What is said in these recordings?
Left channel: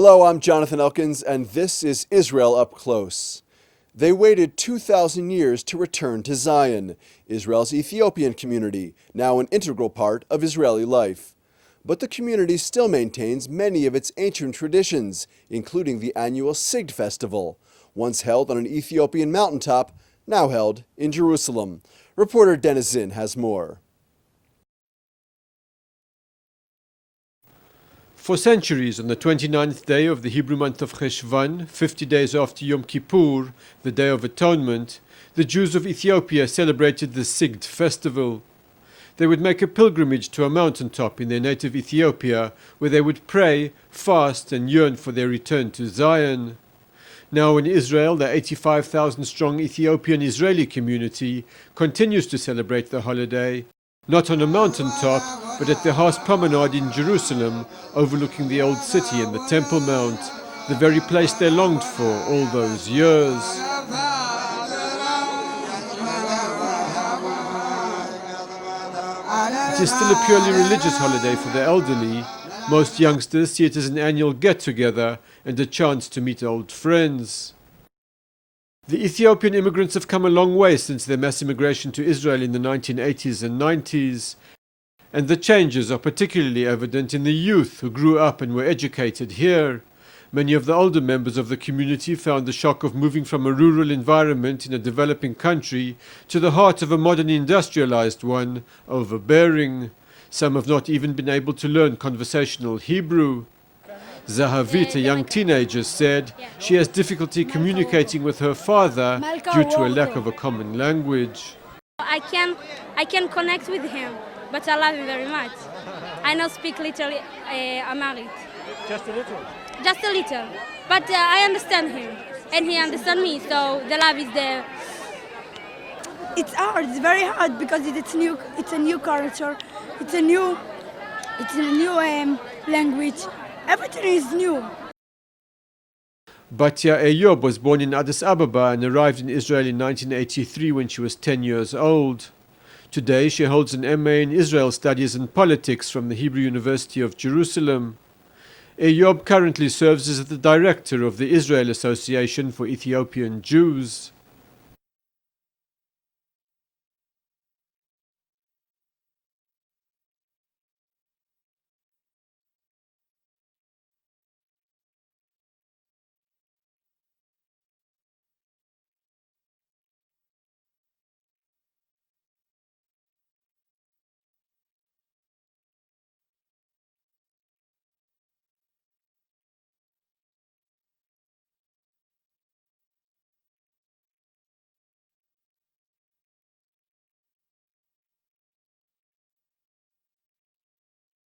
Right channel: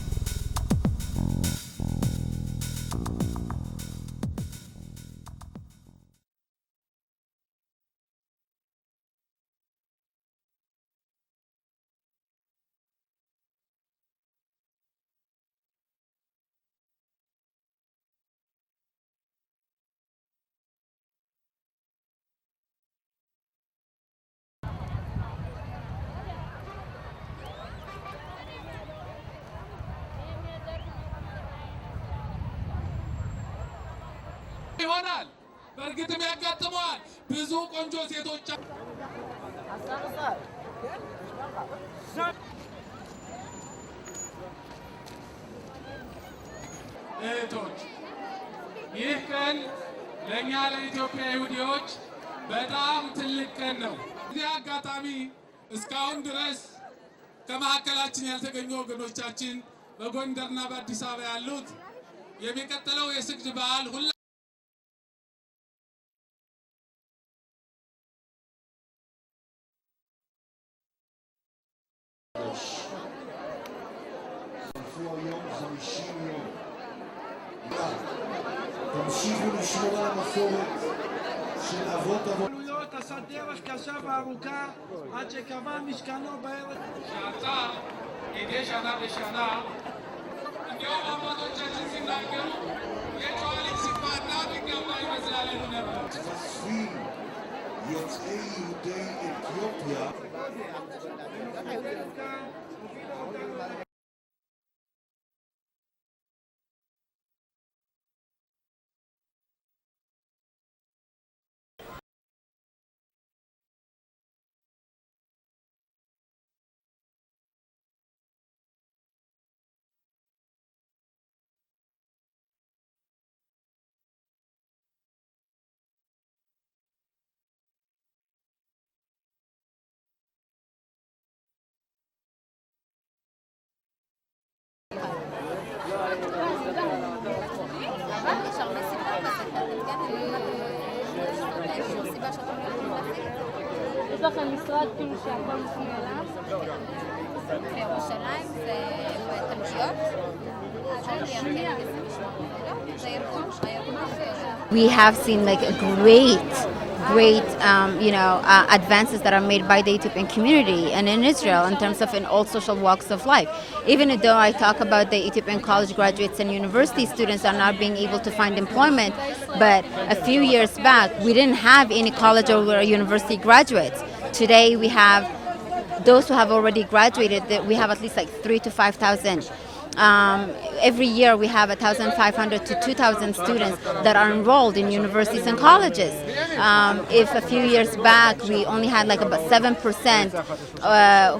Hello, I'm Jonathan Elkins, and this is Israel Up Close. They waited 2,000 years to return to Zion, Israel's Ethiopian community, now an integral part of Israeli life. But the community still maintains many of its ancient traditions, including the annual SIGD festival, once held on an Ethiopian mountaintop, now held in Jerusalem. Reporter Dennis Zinn has more. For centuries, on the 29th day of the Hebrew month of Cheshvan, 50 days after Yom Kippur, the Day of Atonement, the Jews of Ethiopia celebrated the SIGD festival. They would make a pilgrimage to a mountaintop in their native Ethiopia, where they would pray, fast, and yearn for their return to Zion. Now in Israel, the 85,000-strong Ethiopian Israeli community continues to celebrate the holiday, not on a mountaintop, but at the house promenade in Jerusalem, overlooking the old city and the Temple Mount, the very place they longed for all those years. It is still a purely religious holiday for the elderly. Most youngsters see it as an annual get-together and a chance to meet old friends. The Ethiopian immigrants have come a long way since their mass immigration to Israel in the 1980s and 90s. And the changes are particularly evident in the youth who grew up and were educated here. Many of the older members of the community found the shock of moving from a rural environment in a developing country to the heart of a modern industrialized one overbearing. Some have not even been able to learn conversational Hebrew. Zahavit, a young teenager, said she has difficulty communicating with her father due to a lack of a common language. I can connect with him, but I love him very much. I know speak little Amharic. Just a little? Just a little. But I understand him, and he understands me, so the love is there. It's hard, it's very hard because it's a new culture, it's a new language. Everything is new. Batya Eyob was born in Addis Ababa and arrived in Israel in 1983 when she was 10 years old. Today she holds an MA in Israel Studies and Politics from the Hebrew University of Jerusalem. Eyob currently serves as the director of the Israel Association for Ethiopian Jews. We have seen like a great advances that are made by the Ethiopian community and in Israel in terms of in all social walks of life. Even though I talk about the Ethiopian college graduates and university students are not being able to find employment, but a few years back we didn't have any college or university graduates. Today we have those who have already graduated. We have at least like 3,000 to 5,000. Every year we have 1,500 to 2,000 students that are enrolled in universities and colleges. If a few years back we only had like about 7%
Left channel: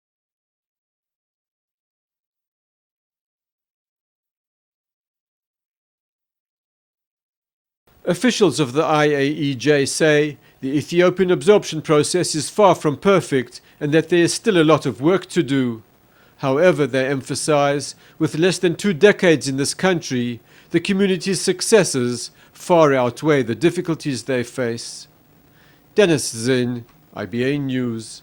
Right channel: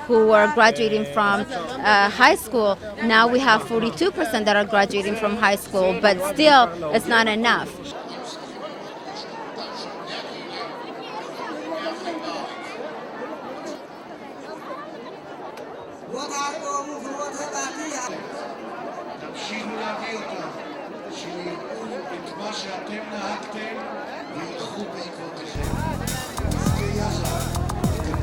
who were graduating from high school, now we have 42% that are graduating from high school, but still it's not enough. Officials of the IAEJ say the Ethiopian absorption process is far from perfect and that there is still a lot of work to do. However, they emphasize, with less than 2 decades in this country, the community's successes far outweigh the difficulties they face. Dennis Zinn, IBA News.